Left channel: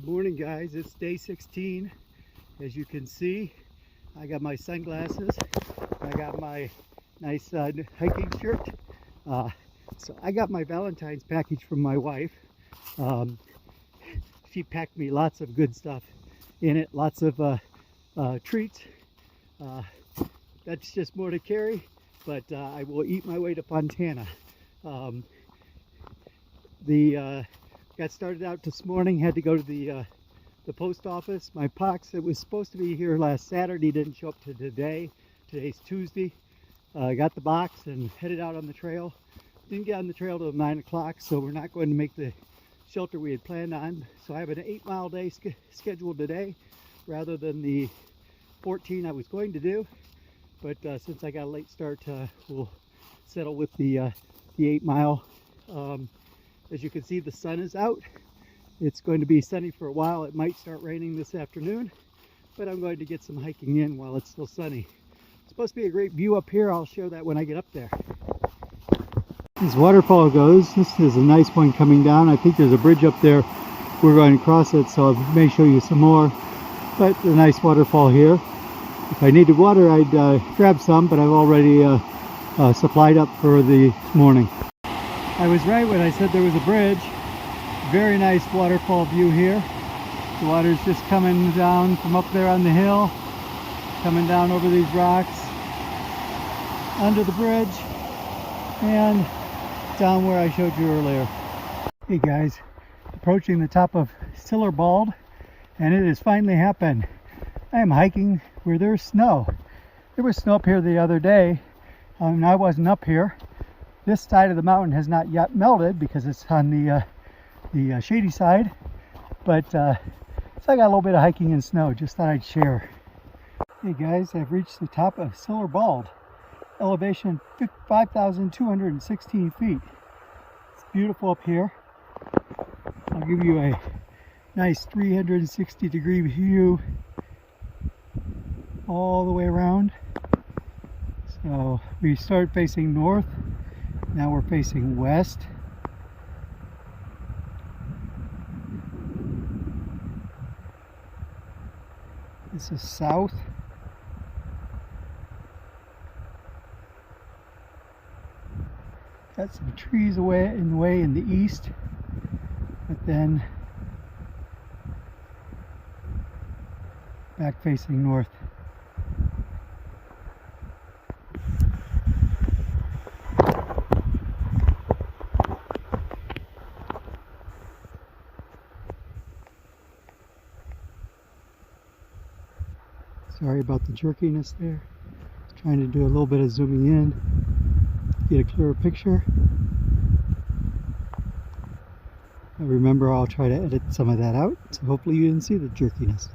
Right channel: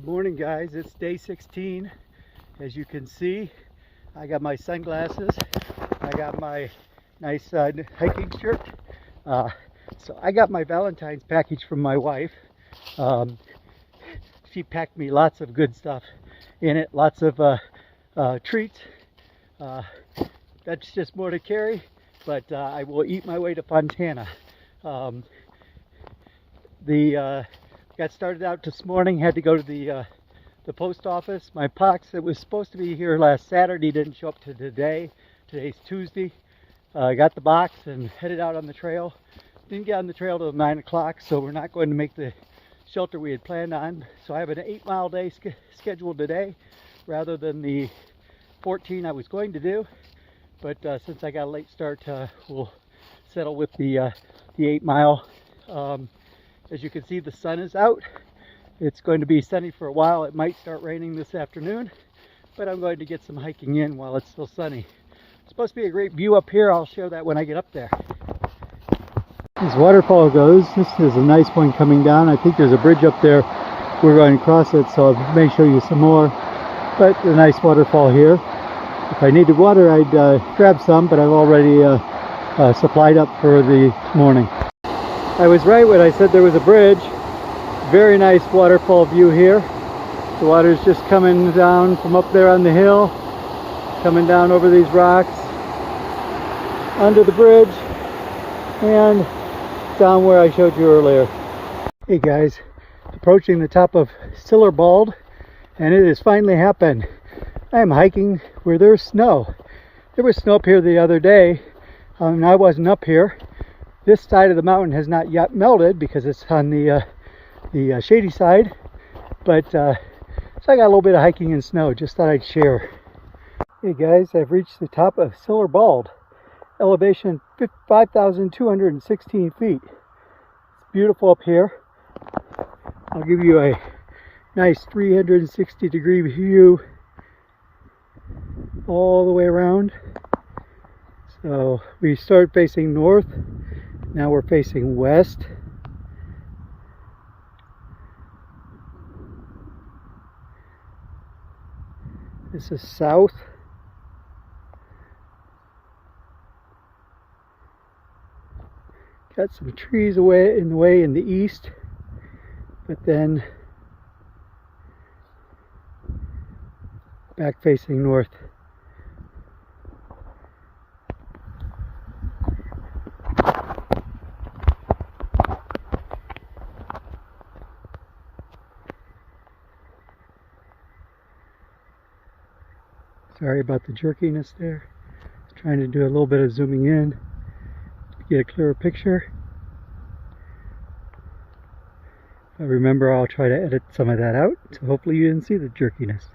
Good morning, guys. It's day 16. As you can see, I got my sunglasses. I got my nice hiking shirt. So I got my Valentine's package from my wife. She packed me lots of good stuff in it, lots of treats. That's just more to carry, but I will eat my way to Fontana. Got started out this morning, had to go to the post office. My box that was supposed to be here last Saturday didn't show up to today. Today's Tuesday. I got the box and headed out on the trail. Didn't get on the trail till 9 o'clock, so we're not going to make the shelter we had planned on. So I have an 8-mile day scheduled today rather than the 14 I was going to do. But since I got a late start, we'll settle with the 8-mile. As you can see, the sun is out. It's going to be sunny for a while. It might start raining this afternoon, but I'm going to get some hiking in while it's still sunny. It's supposed to be a great view up here. I'll show that when I get up there. This waterfall goes. This is a nice one coming down. I think there's a bridge up there. We're going to cross it, so I may show you some more. But a nice waterfall here. If I needed water, I'd grab some, but I've already supplied up for the morning. I was right when I said there was a bridge. Very nice waterfall view here. The water's just coming down from up there on the hill, coming down over these rocks, under the bridge, and down where I showed you earlier. Hey guys, approaching the top of Stiller Bald, and it has finally happened. I am hiking where there's snow. There was snow up here the other day, and I wasn't up here. This side of the mountain has not yet melted because it's on the shady side, but so I got a little bit of hiking in snow. Just thought I'd share. Hey guys, I've reached the top of Stiller Bald, elevation 5,216 feet. It's beautiful up here. I'll give you a nice 360-degree view all the way around. So we started facing north. Now we're facing west. This is south. Got some trees away in the east, but then back facing north. Sorry about the jerkiness there. Trying to do a little bit of zooming in to get a clearer picture. But remember, I'll try to edit some of that out, so hopefully you didn't see the jerkiness.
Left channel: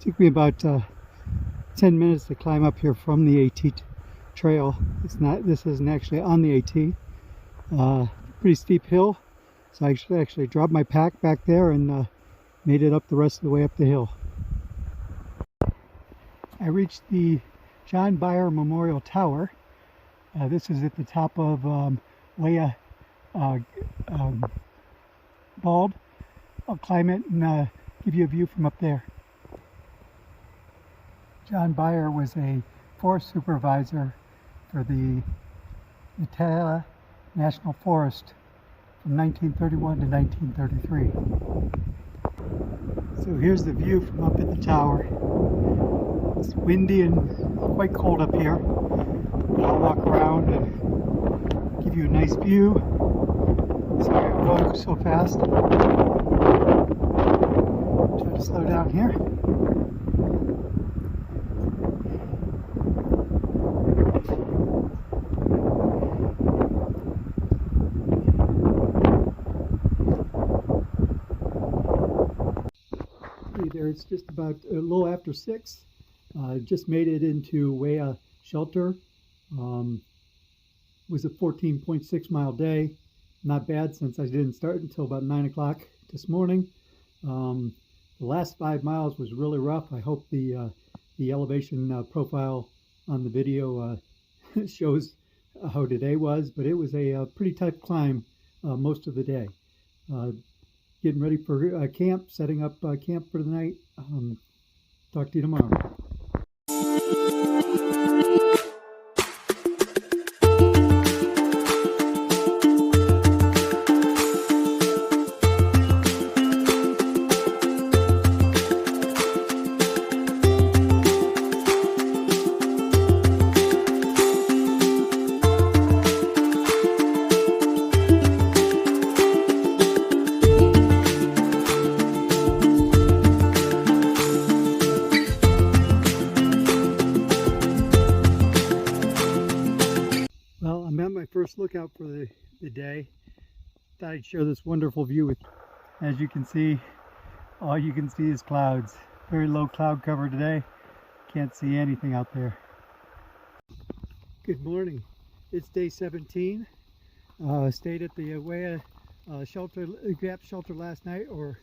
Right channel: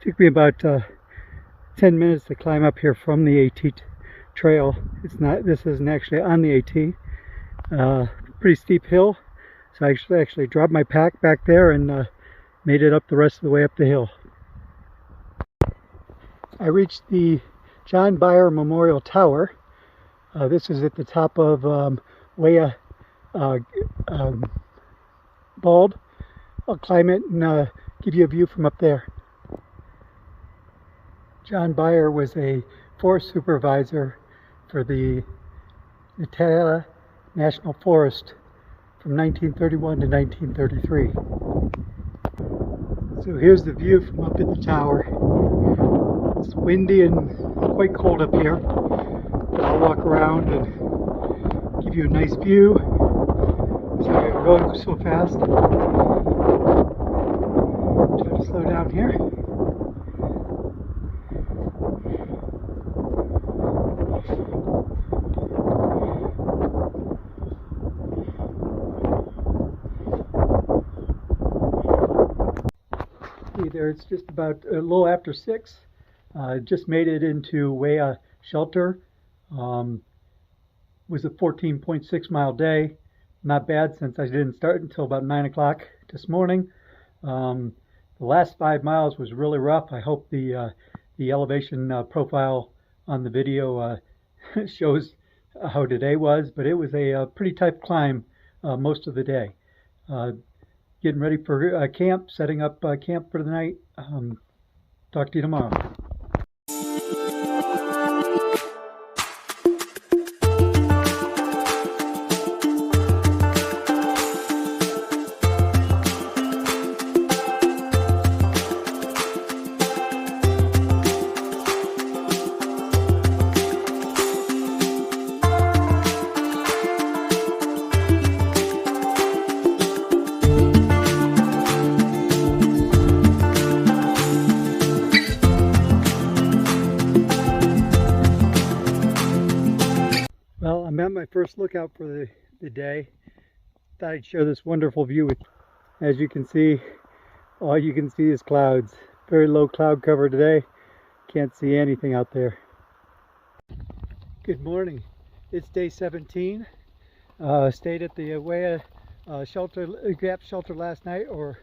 Took me about 10 minutes to climb up here from the AT trail. This isn't actually on the AT. Pretty steep hill, so I actually dropped my pack back there and made it up the rest of the way up the hill. I reached the John Byer Memorial Tower. This is at the top of YOLO Bald. I'll climb it and give you a view from up there. John Byer was a forest supervisor for the Natala National Forest from 1931 to 1933. So here's the view from up at the tower. It's windy and quite cold up here, but I'll walk around and give you a nice view. Sorry I'm going so fast. Try to slow down here. There, it's just about a little after 6. Just made it into YOLO shelter. Was a 14.6 mile day. Not bad since I didn't start until about 9 o'clock this morning. The last 5 miles was really rough. I hope the elevation profile on the video shows how today was, but it was a pretty tough climb most of the day. Getting ready for camp, setting up camp for the night. Talk to you tomorrow. Well, I'm at my first lookout for the day. Thought I'd share this wonderful view with you. As you can see, all you can see is clouds. Very low cloud cover today. Can't see anything out there. Good morning. It's day 17. Stayed at the Wea Gap shelter last night, or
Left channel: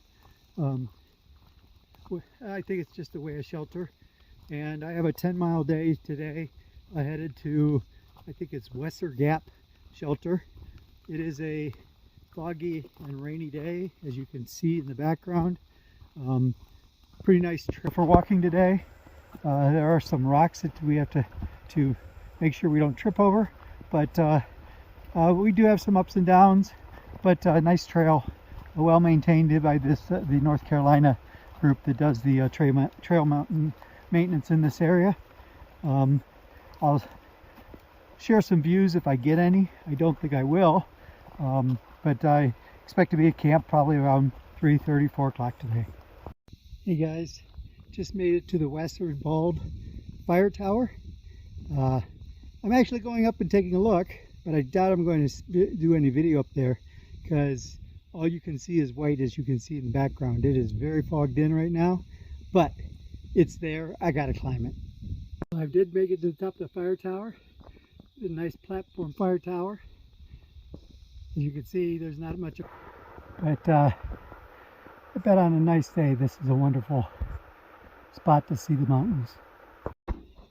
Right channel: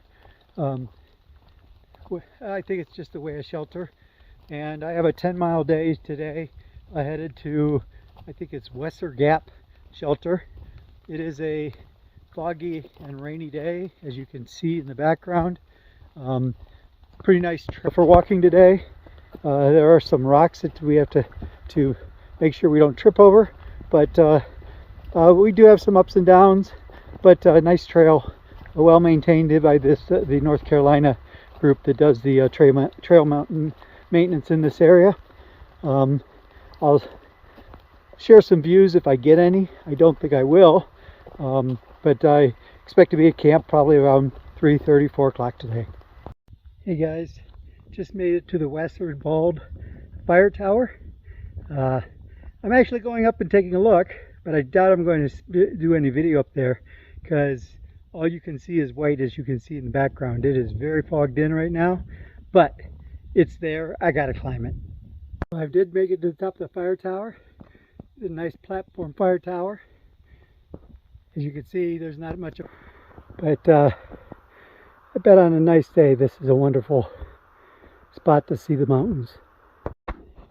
I think it's just the Wea shelter. And I have a 10-mile day today. I headed to, I think it's Wesser Gap shelter. It is a foggy and rainy day, as you can see in the background. Pretty nice trail for walking today. There are some rocks that we have to make sure we don't trip over, but we do have some ups and downs, but nice trail, well maintained by the North Carolina group that does the trail mountain maintenance in this area. I'll share some views if I get any. I don't think I will, but I expect to be at camp probably around 3:30, 4 o'clock today. Hey guys, just made it to the Westward Bald Fire Tower. I'm actually going up and taking a look, but I doubt I'm going to do any video up there because all you can see is white, as you can see in the background. It is very fogged in right now, but it's there. I gotta climb it. I did make it to the top of the fire tower. It's a nice platform fire tower. As you can see, there's not much, but I bet on a nice day this is a wonderful spot to see the mountains.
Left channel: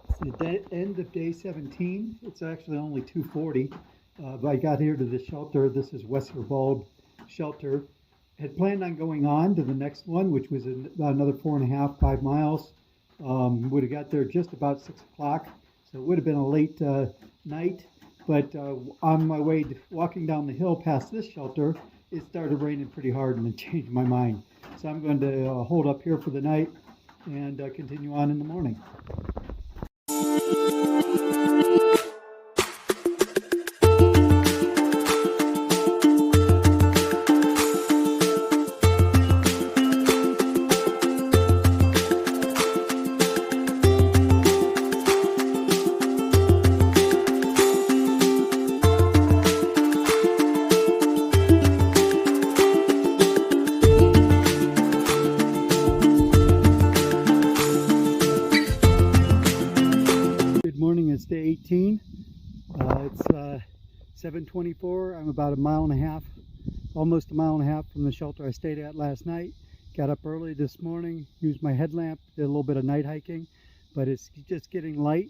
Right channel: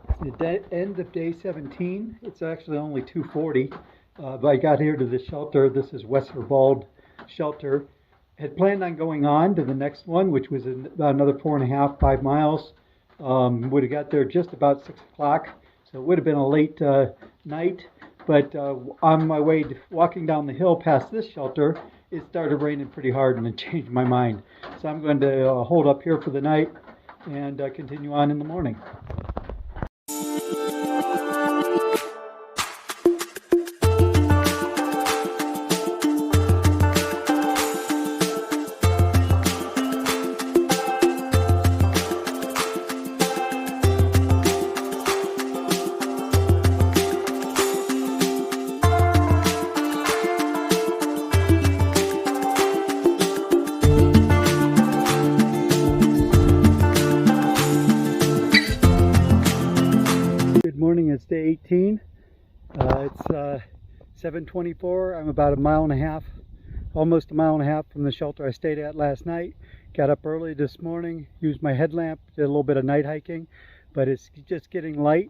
It's the end of day 17. It's actually only 2:40, but I got here to the shelter. This is Wesser Bald shelter. Had planned on going on to the next one, which was about another 4.5, 5 miles. Would have got there just about 6 o'clock, so it would have been a late night. But on my way walking down the hill past this shelter, it started raining pretty hard and it changed my mind. So I'm going to hold up here for the night and continue on in the morning. It's day 18. It's 7:24. I'm about a mile and a half, almost a mile and a half from the shelter I stayed at last night. Got up early this morning, used my headlamp, did a little bit of night hiking, but it's just getting light.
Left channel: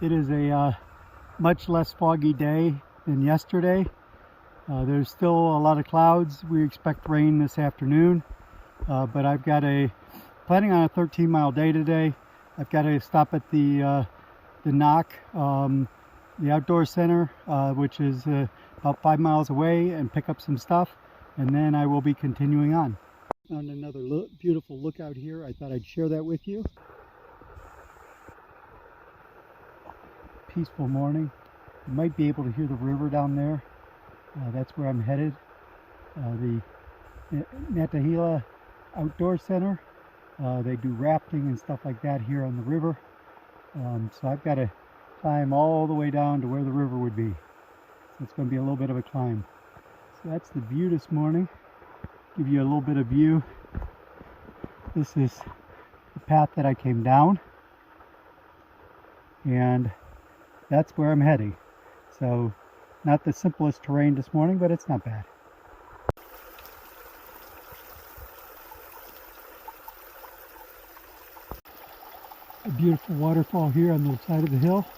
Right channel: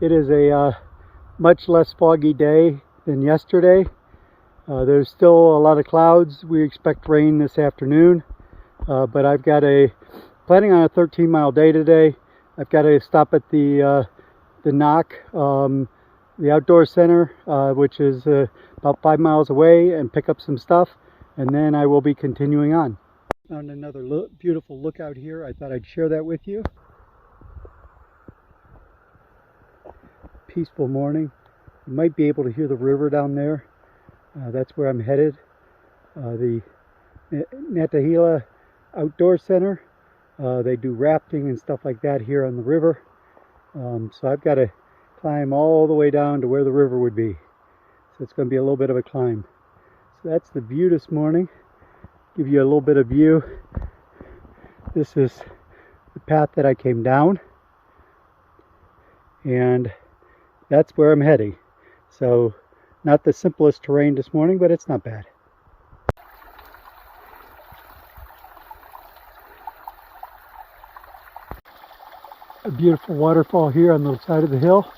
It is a much less foggy day than yesterday. There's still a lot of clouds. We expect rain this afternoon, but I've got planning on a 13-mile day today. I've got to stop at the Knock, the outdoor center, which is about 5 miles away, and pick up some stuff, and then I will be continuing on. Found another beautiful lookout here. I thought I'd share that with you. Peaceful morning. You might be able to hear the river down there. That's where I'm headed. The Natahila Outdoor Center. They do rafting and stuff like that here on the river. So I've got to climb all the way down to where the river would be. So it's going to be a little bit of a climb. So that's the view this morning. Give you a little bit of view. This is the path that I came down. And that's where I'm heading. So Not the simplest terrain this morning, but it's not bad. A beautiful waterfall here on the side of the hill.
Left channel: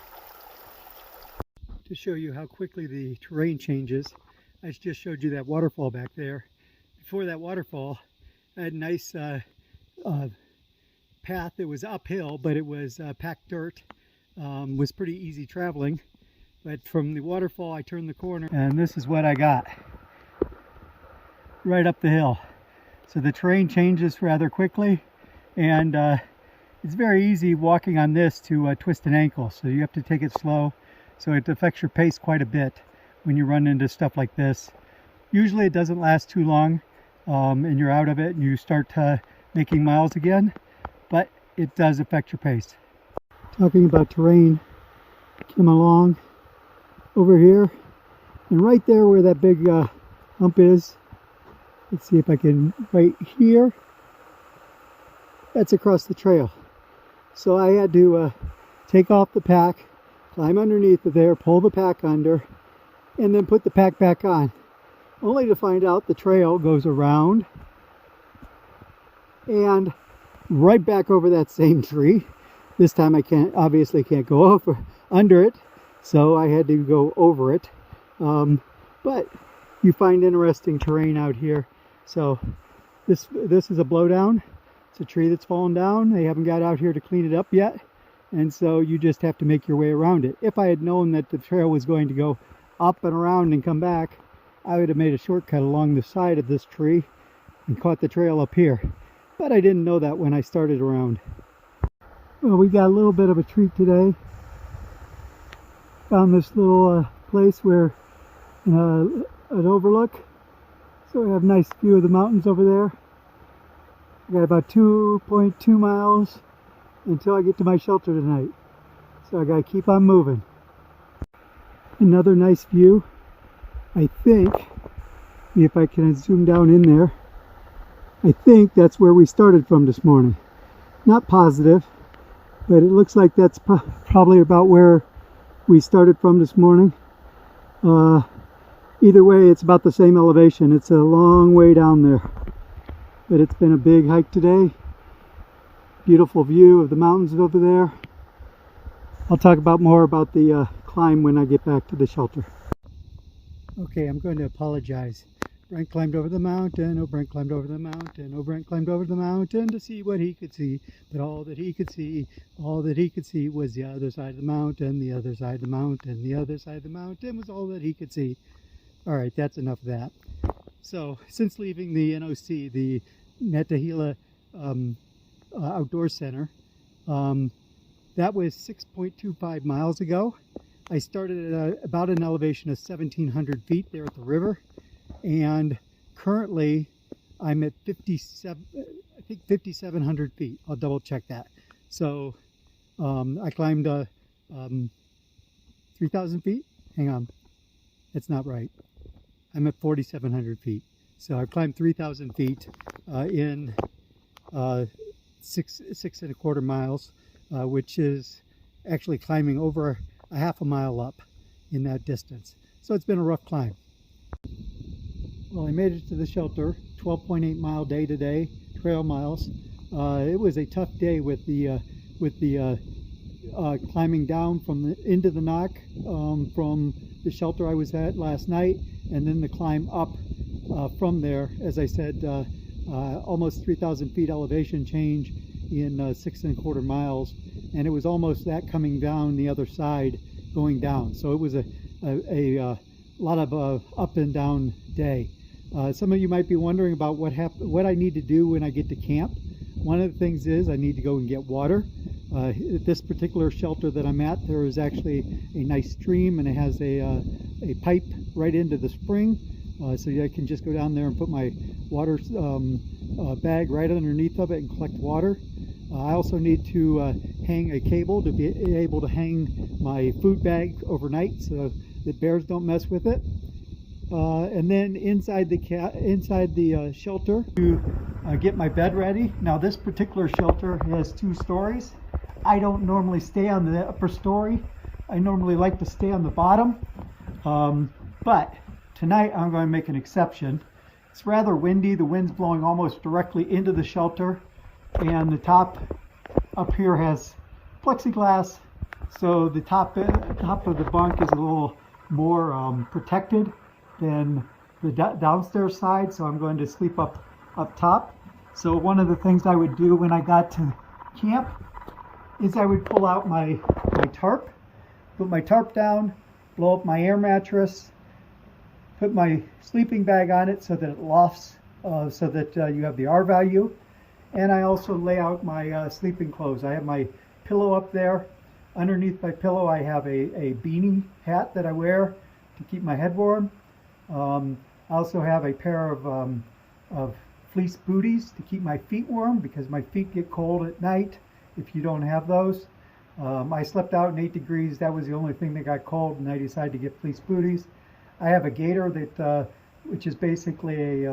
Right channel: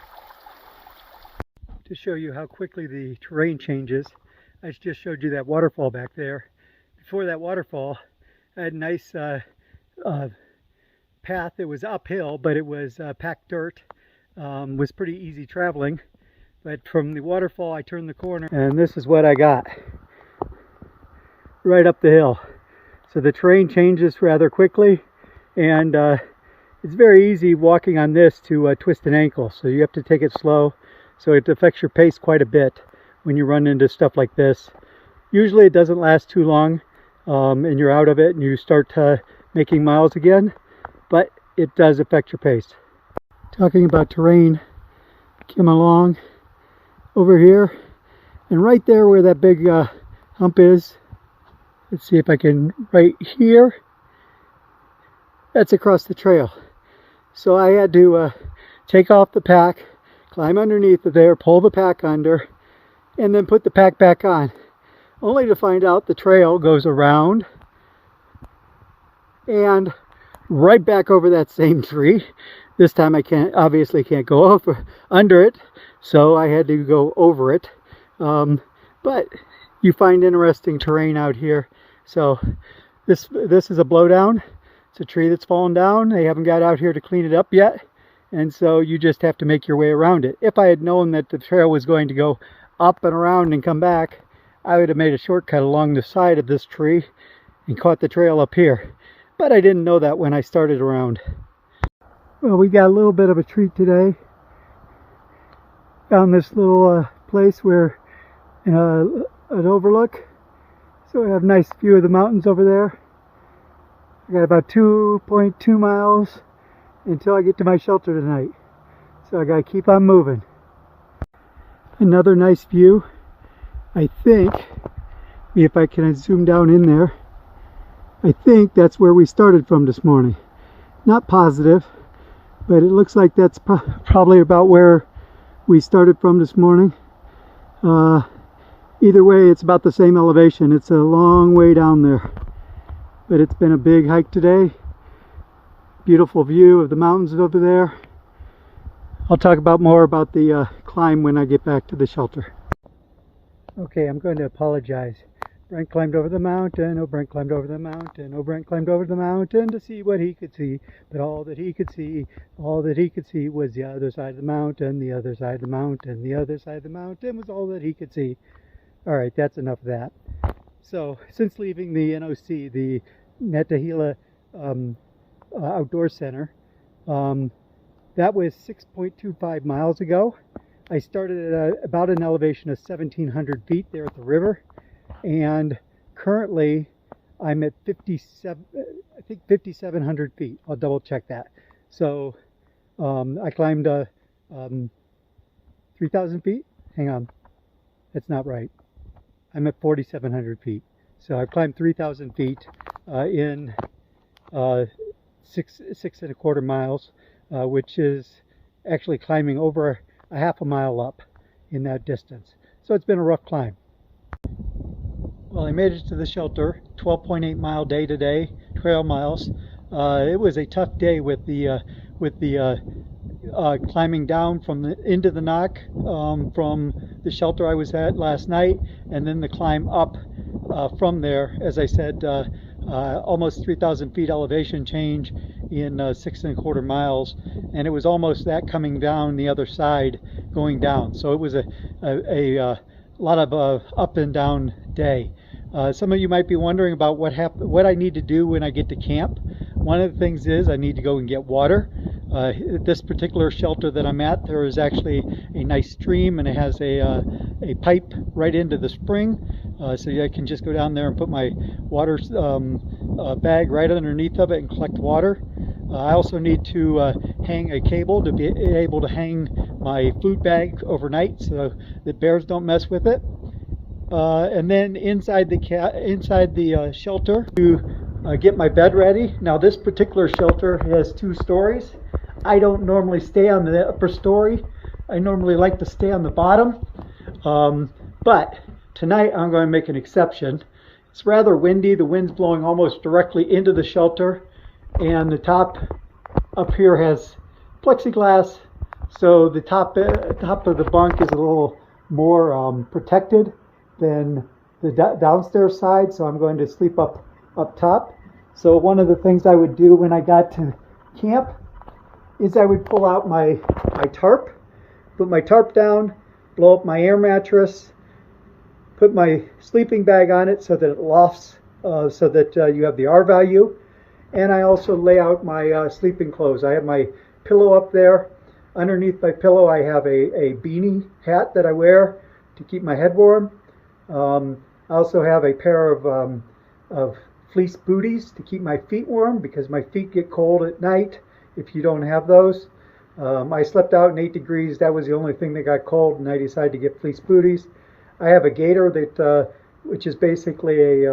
To show you how quickly the terrain changes, I just showed you that waterfall back there. Before that waterfall, I had a nice path. It was uphill, but it was packed dirt. Was pretty easy traveling. But from the waterfall, I turned the corner, and this is what I got. Right up the hill. So the terrain changes rather quickly, and it's very easy walking on this to twist an ankle. So you have to take it slow. So it affects your pace quite a bit when you run into stuff like this. Usually it doesn't last too long, and you're out of it and you start making miles again, but it does affect your pace. Talking about terrain, came along over here, and right there where that big hump is, let's see if I can, right here, that's across the trail. So I had to take off the pack, climb underneath of there, pull the pack under, and then put the pack back on, only to find out the trail goes around and right back over that same tree. This time I obviously can't go under it, so I had to go over it. But you find interesting terrain out here. So this is a blowdown. It's a tree that's fallen down. They haven't got out here to clean it up yet, and so you just have to make your way around it. If I had known that the trail was going to go up and around and come back, I would have made a shortcut along the side of this tree and caught the trail up here. But I didn't know that when I started around. Well, we got a little bit of a treat today. Found this little place where an overlook. So we have a nice view of the mountains over there. I got about 2.2 miles until I get to my shelter tonight. So I gotta keep on moving. Another nice view. I think, if I can zoom down in there, I think that's where we started from this morning. Not positive, but it looks like that's probably about where we started from this morning. Either way, it's about the same elevation. It's a long way down there, but it's been a big hike today. Beautiful view of the mountains over there. I'll talk more about the climb when I get back to the shelter. Okay, I'm going to apologize. Brent climbed over the mountain, oh Brent climbed over the mountain, oh Brent climbed over the mountain to see what he could see. But all that he could see was the other side of the mountain, the other side of the mountain, the other side of the mountain was all that he could see. Alright, that's enough of that. So, since leaving the NOC, the Netahila Outdoor Center, that was 6.25 miles ago. I started at about an elevation of 1,700 feet there at the river, and currently I'm at 5,700 feet. I'll double check that. So I climbed 3,000 feet. Hang on, that's not right. I'm at 4,700 feet. So I've climbed 3,000 feet in 6.25 miles, which is actually climbing over a half a mile up in that distance. So it's been a rough climb. Well, I made it to the shelter. 12.8 mile day today, trail miles. It was a tough day with the climbing down into the knock from the shelter I was at last night, and then the climb up from there. As I said, almost 3,000 feet elevation change in 6.25 miles, and it was almost that coming down the other side going down. So it was a lot of up and down day. Some of you might be wondering about what I need to do when I get to camp. One of the things is I need to go and get water. At this particular shelter that I'm at, there is actually a nice stream, and it has a pipe right into the spring, so I can just go down there and put my water bag right underneath of it and collect water. I also need to hang a cable to be able to hang my food bag overnight so that bears don't mess with it. And then inside the shelter to get my bed ready. Now this particular shelter has 2 stories. I don't normally stay on the upper story. I normally like to stay on the bottom. But tonight I'm going to make an exception. It's rather windy. The wind's blowing almost directly into the shelter, and the top up here has plexiglass, so the top of the bunk is a little more protected than the downstairs side. So I'm going to sleep up top. So one of the things I would do when I got to camp is I would pull out my tarp, put my tarp down, blow up my air mattress, put my sleeping bag on it so that it lofts, so that you have the R value. And I also lay out my sleeping clothes. I have my pillow up there. Underneath my pillow I have a beanie hat that I wear to keep my head warm. I also have a pair of fleece booties to keep my feet warm, because my feet get cold at night if you don't have those. I slept out in 8 degrees. That was the only thing that got cold, and I decided to get fleece booties. I have a gaiter that, which is basically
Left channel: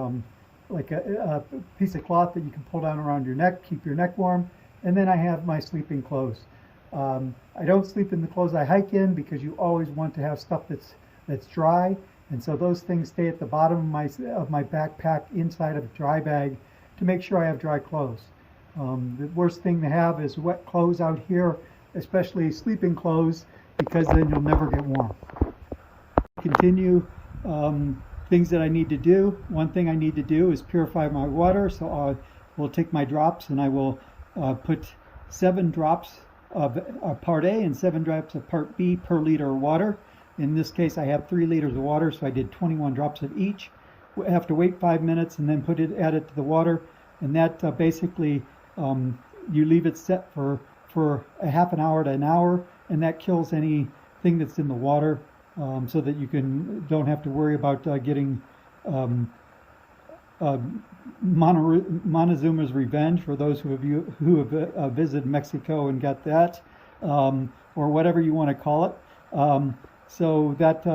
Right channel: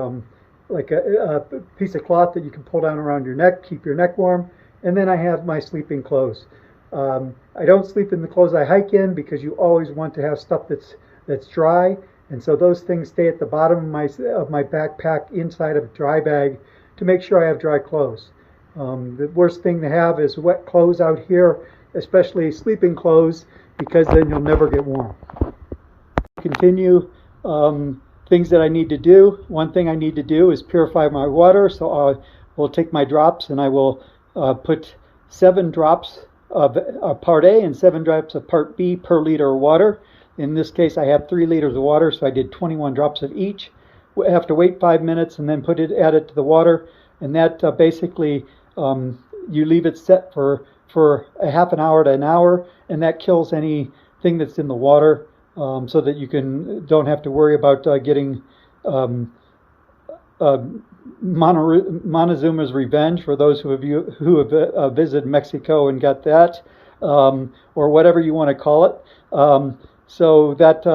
like a piece of cloth that you can pull down around your neck, keep your neck warm. And then I have my sleeping clothes. I don't sleep in the clothes I hike in, because you always want to have stuff that's dry, and so those things stay at the bottom of my backpack inside of a dry bag to make sure I have dry clothes. The worst thing to have is wet clothes out here, especially sleeping clothes, because then you'll never get warm. Continue things that I need to do. One thing I need to do is purify my water, so I will take my drops and I will put 7 drops of part A and 7 drops of part B per liter of water. In this case I have 3 liters of water, so I did 21 drops of each. I have to wait 5 minutes and then add it to the water, and that basically you leave it set for a half an hour to an hour, and that kills anything that's in the water, so that you don't have to worry about getting Montezuma's Revenge, for those who have visited Mexico and got that, or whatever you want to call it. So that,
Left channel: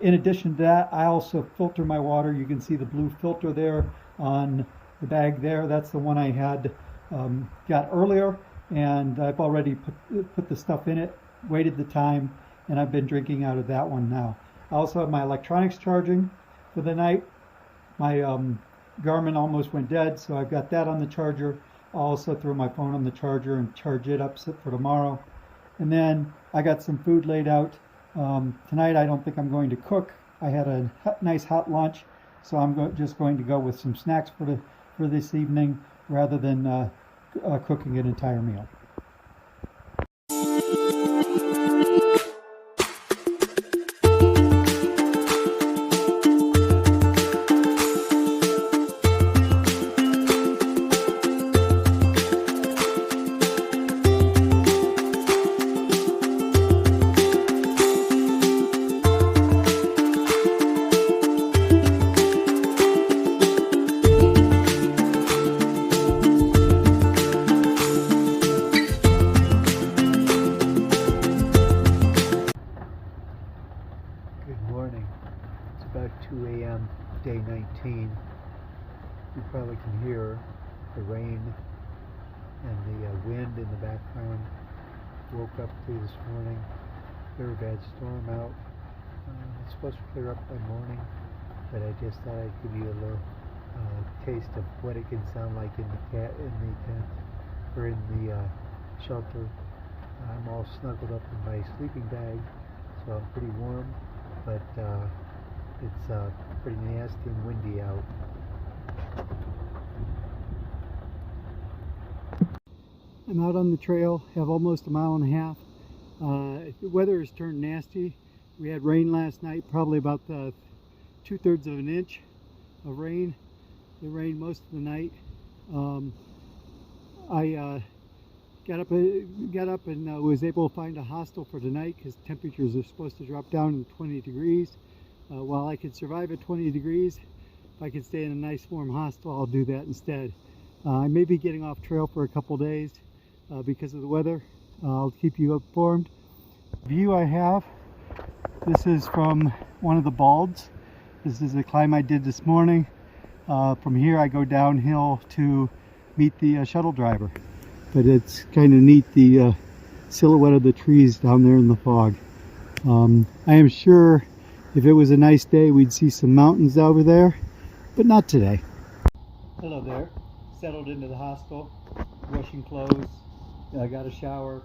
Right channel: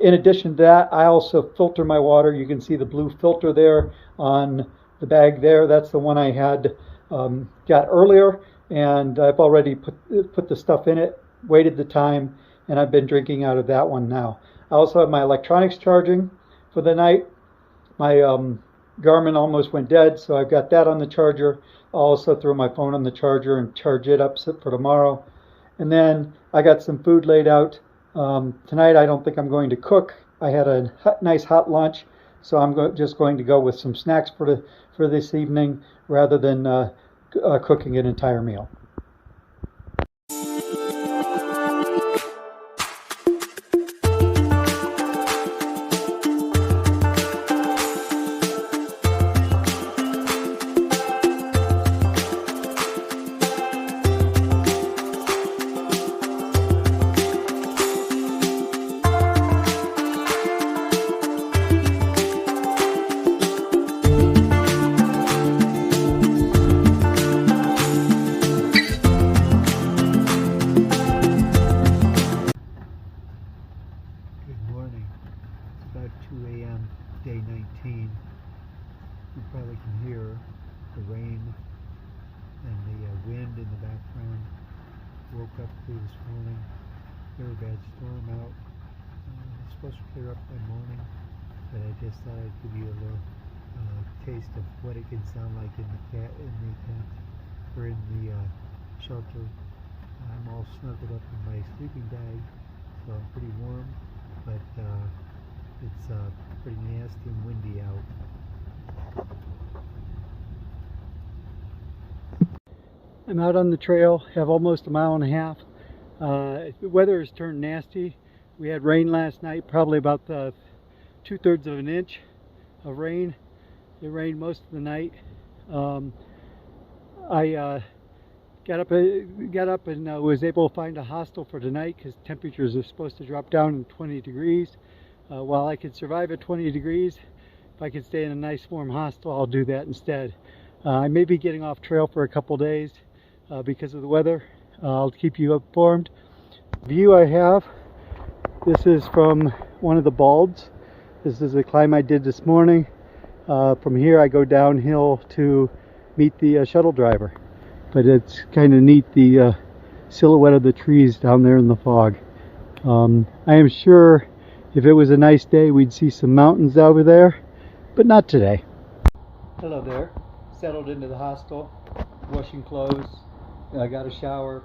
in addition to that, I also filter my water. You can see the blue filter there on the bag there. That's the one I had got earlier, and I've already put the stuff in it, waited the time, and I've been drinking out of that one now. I also have my electronics charging for the night. My Garmin almost went dead, so I've got that on the charger. I'll also throw my phone on the charger and charge it up for tomorrow. And then I got some food laid out. Tonight I don't think I'm going to cook. I had a nice hot lunch, so I'm just going to go with some snacks for this evening, rather than cooking an entire meal. About 2 a.m. day 19. You probably can hear the rain and the wind in the background. Woke up this morning, very bad storm out. It's supposed to clear up by morning, but I just thought I'd give you a little taste of what it can sound like in the tent or in the shelter. I'm all snuggled up in my sleeping bag, so I'm pretty warm, but it's pretty nasty and windy out. I'm out on the trail, have almost a mile and a half. The weather has turned nasty. We had rain last night, probably about 2/3 of an inch of rain. It rained most of the night. I got up and was able to find a hostel for tonight, because temperatures are supposed to drop down to 20 degrees. While I could survive at 20 degrees, if I could stay in a nice warm hostel, I'll do that instead. I may be getting off trail for a couple days because of the weather. I'll keep you informed. The view I have, this is from one of the balds. This is a climb I did this morning. From here I go downhill to meet the shuttle driver. But it's kind of neat, the silhouette of the trees down there in the fog. I am sure If it was a nice day, we'd see some mountains over there, but not today. Hello there. Settled into the hostel, washing clothes. I got a shower.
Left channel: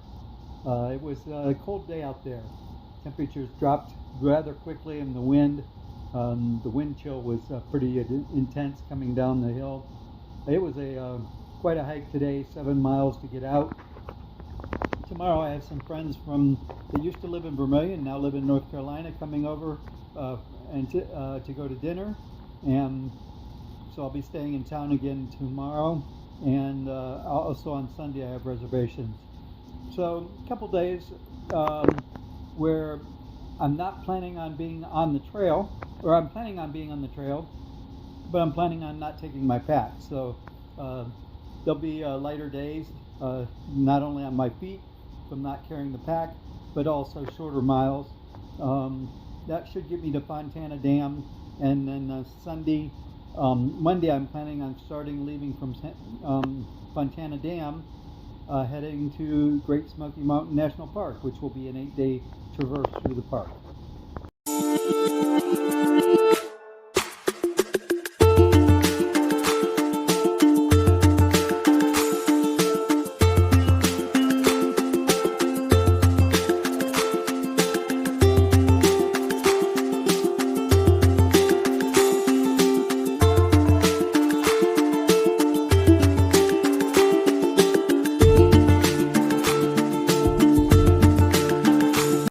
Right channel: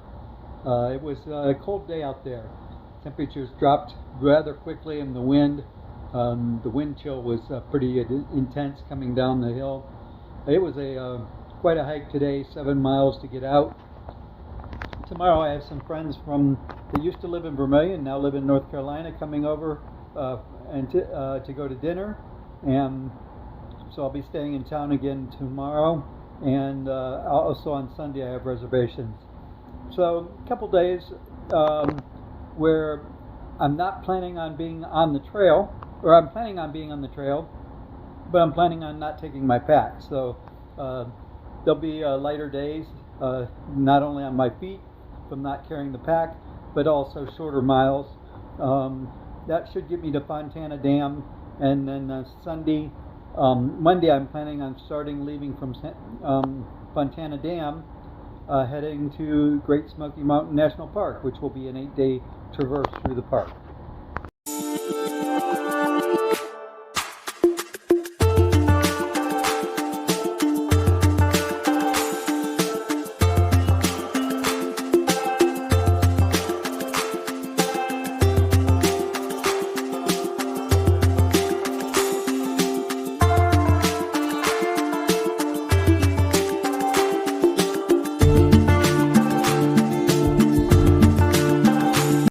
It was a cold day out there. Temperatures dropped rather quickly, and the wind chill was pretty intense coming down the hill. It was quite a hike today, 7 miles to get out. Tomorrow I have some friends that used to live in Vermilion, now live in North Carolina, coming over to go to dinner, and so I'll be staying in town again tomorrow, and also on Sunday I have reservations. So a couple days where I'm not planning on being on the trail, or I'm planning on being on the trail, but I'm planning on not taking my pack. So there'll be lighter days, not only on my feet from not carrying the pack, but also shorter miles. That should get me to Fontana Dam, and then Monday I'm planning on leaving from Fontana Dam, heading to Great Smoky Mountain National Park, which will be an 8-day traverse through the park.